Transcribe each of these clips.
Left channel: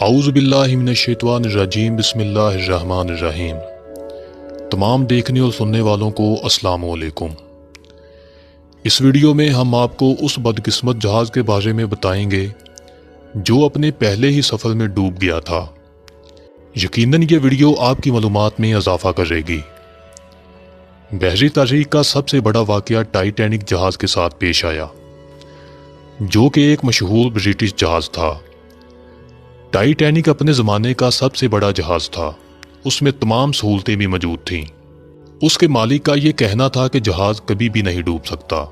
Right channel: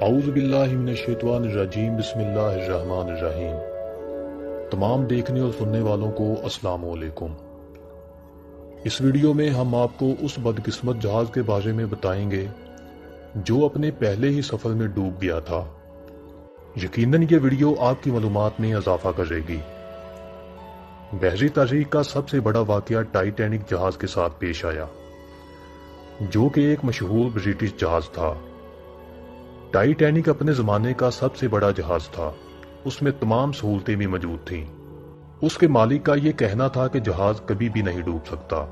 اعوذ باللہ من الشیطان الرجیم بسم اللہ الرحمن الرحیم۔ تمام دیکھنے اور سننے والوں کو السلام علیکم۔ اس ویڈیو میں ہم آپ کو اس بدقسمت جہاز کے بارے میں بتائیں گے جو اپنے پہلے ہی سفر میں ڈوب گیا تھا۔ یقیناً یہ ویڈیو آپ کی معلومات میں اضافہ کرے گی۔ بحری تاریخ کا سب سے بڑا واقعہ ٹائٹینک جہاز کے ساتھ پیش آیا، جو کہ ایک مشہور برٹش جہاز تھا۔ ٹائٹینک اپنے زمانے کا سب سے بڑا جہاز تھا، اس میں تمام سہولتیں بھی موجود تھیں۔ اس کے مالک کا یہ کہنا تھا کہ جہاز کبھی بھی نہیں ڈوب سکتا،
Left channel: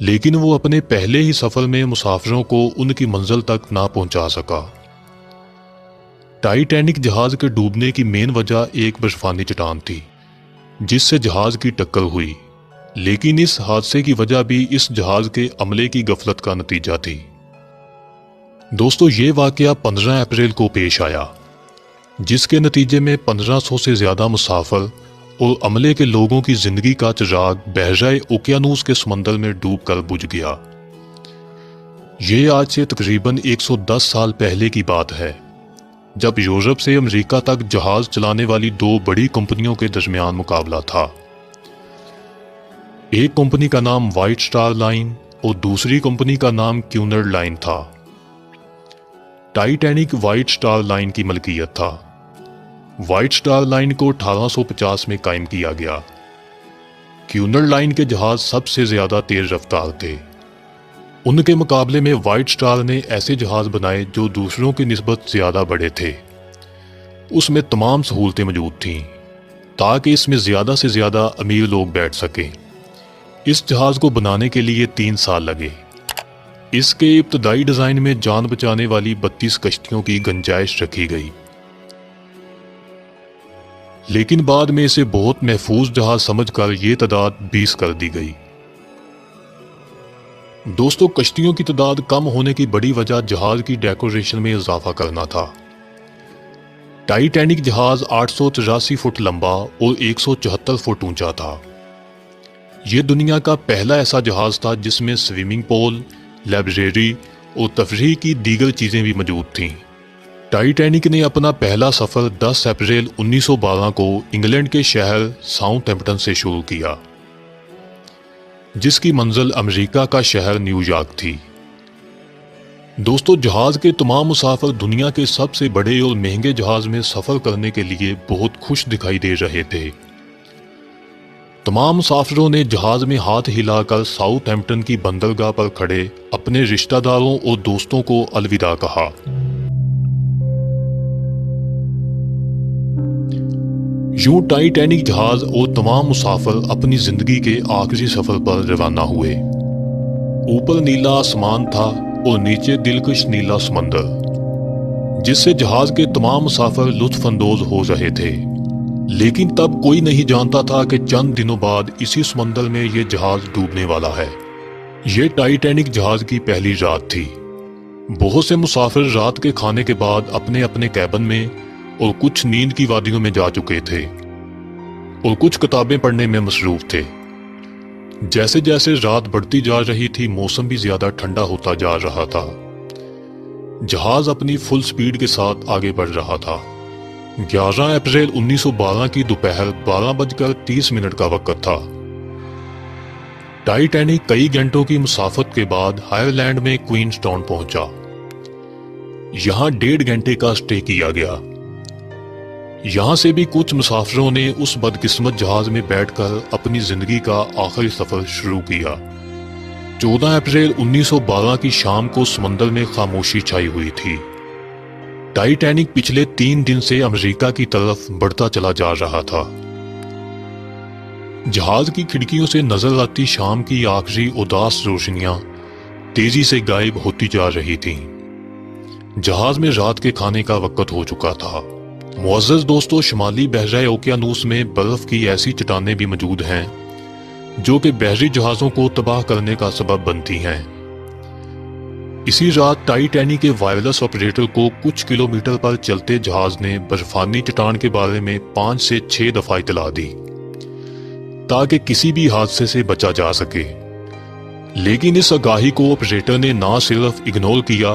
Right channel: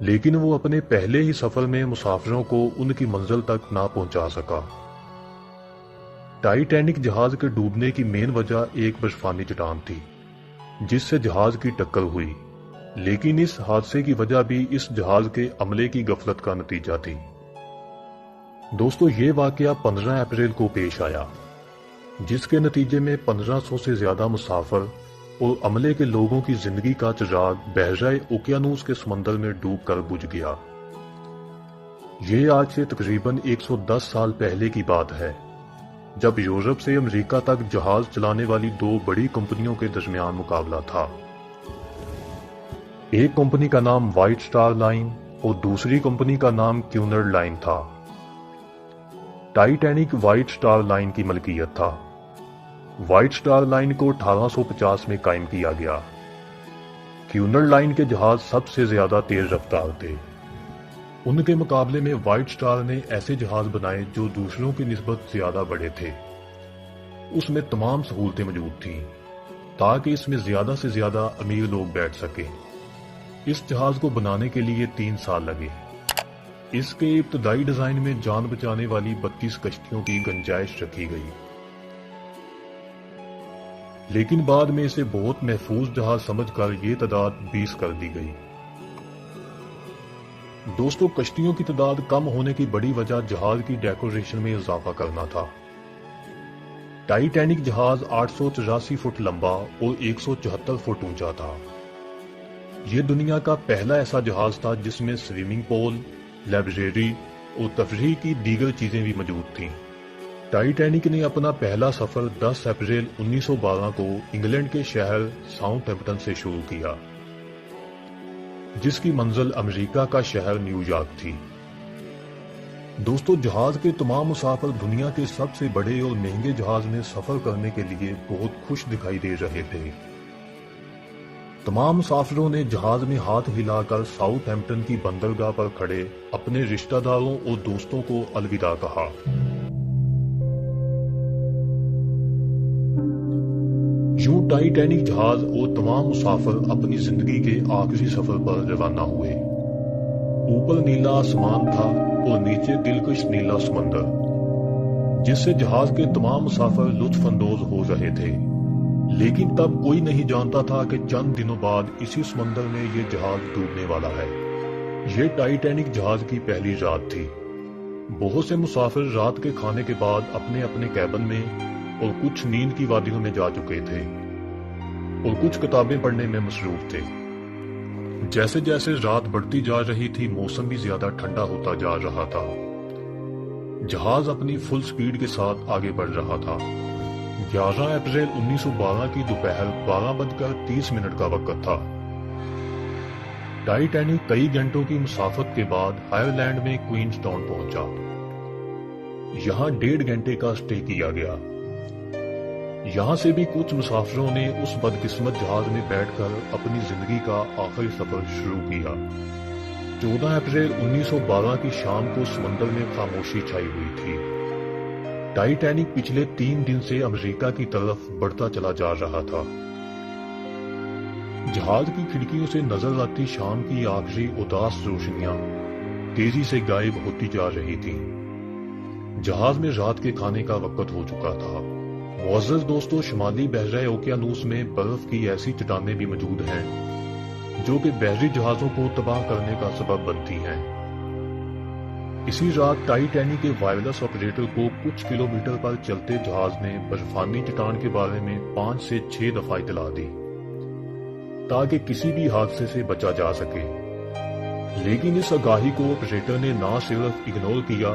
لیکن وہ اپنے پہلے ہی سفر میں مسافروں کو ان کی منزل تک نہ پہنچا سکا۔ ٹائٹینک جہاز کے ڈوبنے کی مین وجہ ایک برفانی چٹان تھی جس سے جہاز کی ٹکر ہوئی، لیکن اس حادثے کی وجہ بھی اس جہاز کے عملے کی غفلت کا نتیجہ تھی۔ دوستو، یہ واقعہ 15 اپریل کو پیش آیا، جس کے نتیجے میں 1500 سے زیادہ مسافر اور عملے کے لوگوں کی زندگی کا چراغ بحیرہ اوقیانوس کے سمندر میں ڈوب کر بجھ گیا۔ یہ آج سے تقریباً 110 سال پہلے کی بات ہے، جب یورپ سے امریکہ تک جہاز چلانے والی دو بڑی کمپنیوں کے درمیان مقابلہ تھا۔ ایک کمپنی کا نام وائٹ سٹار لائن اور دوسری کمپنی کا نام کیونرڈ لائن تھا۔ ٹائٹینک وائٹ سٹار لائن کی ملکیت تھا۔ وائٹ سٹار لائن کو 1850 میں قائم کیا گیا۔ کیونرڈ لائن کے جہاز سب سے زیادہ تیز رفتار تھے۔ ان کے مقابلے میں وائٹ سٹار نے ایسے جہاز بنائے جو دوسروں کی نسبت زیادہ بڑے تھے۔ اس میں تمام سہولتیں موجود تھیں تاکہ اس میں زیادہ سے زیادہ امیر لوگ بیٹھ سکیں۔ اس جہاز کو بنانے کے لیے 3 سال لگے۔ اس کے ابتدائی ڈیزائن میں جان بچانے والی 32 کشتیوں کی گنجائش رکھی گئی، لیکن بعد میں اسے بہت محفوظ جہاز سمجھ کر یہ تعداد 20 کر دی گئی۔ دوستو، کشتیوں کی تعداد کم ہونے کی بڑی وجہ جہاز کی ڈیکوریشن میں اضافہ کرنا تھا۔ ٹائٹینک جہاز 883 فٹ لمبا اور 174 فٹ اونچا تھا۔ یہ دنیا کا پہلا ایسا جہاز تھا جس میں سوئمنگ پول، لائبریری اور تفریح کی دیگر چیزیں بھی موجود تھیں۔ ٹائٹینک نے اپنا پہلا سفر 10 اپریل 1912 کو انگلینڈ کے شہر ساؤتھ ہیمپٹن سے شروع کیا، جس کی منزل امریکہ کا شہر نیو یارک تھی۔ دوستو، جہاز کے تمام مسافر دنیا کے سب سے بڑے اور مہنگے جہاز میں سفر کرنے کے لیے بہت خوش دکھائی دے رہے تھے۔ تمام مسافروں نے جہاز میں ہاتھ ہلا کر ساؤتھ ہیمپٹن کی بندرگاہ پر کھڑے اپنے رشتہ داروں اور دوستوں کو الوداع کہا۔ یوں ٹائٹینک جہاز اور تمام مسافر اپنی زندگی کے آخری سفر پر روانہ ہوئے۔ اوپر نیلا آسمان تھا اور نیچے دلکش نیلا سمندر، جس سے جہاز کے تمام مسافر لطف اندوز ہو رہے تھے۔ لیکن تب کوئی نہیں جانتا تھا کہ چند دنوں بعد اسی سمندر میں یہ جہاز ڈوبنے والا ہے۔ یہ ٹائٹینک جہاز کی پہلی رات تھی۔ بہت سے مسافر رات کے کھانے کے بعد اپنے اپنے کیبن میں اور کچھ نیند کی وادیوں میں جا چکے تھے اور کچھ کتابیں پڑھنے میں مصروف تھے۔ جیسے جیسے رات بڑھتی جا رہی تھی، موسم بھی زیادہ ٹھنڈا ہوتا جا رہا تھا۔ جہاز اپنی فل سپیڈ کے ساتھ آگے بڑھ رہا تھا۔ 11 اپریل 1912 کی دوپہر 12:30 کا وقت تھا۔ ٹائٹینک کئی گھنٹوں کی مسافت کے بعد آئرلینڈ میں کوئنز ٹاؤن پہنچا۔ یہاں 1.5 گھنٹے کا اسٹے کیا گیا۔ یہاں سے بھی کچھ مسافروں نے اس بدقسمت جہاز میں بیٹھ کر اپنی زندگی کا آخری سفر شروع کیا۔ 14 اپریل 1912 کی شام کو سمندر میں خاموشی چھائی ہوئی تھی۔ ٹائٹینک پچھلے 3 دن سے امریکہ کی طرف بڑھتا چلا جا رہا تھا۔ جہاز کی کھڑکیوں سے نظر آتی شام کی آخری اداس روشنیاں تیزی سے غائب ہوتی جا رہی تھیں۔ جہاز میں رات کے کھانے کا وقت ہو چکا تھا۔ معزز دوستو، شمالی بحیرہ اوقیانوس میں برف کی ایسی چٹانیں بھی موجود ہیں جو کہ بحری جہازوں کو تباہ کرنے کا سبب بنتی ہیں۔ اسی رات ٹائٹینک کے وائرلیس آپریٹر کو کچھ کلومیٹر پر چلتے جہاز نے برفانی چٹان کے بارے میں 5 سے 6 دفعہ اطلاع دی تاکہ کسی بھی حادثے سے بچا جا سکے، لیکن اس آگاہی کو آپریٹر نے نہ صرف اگنور کیا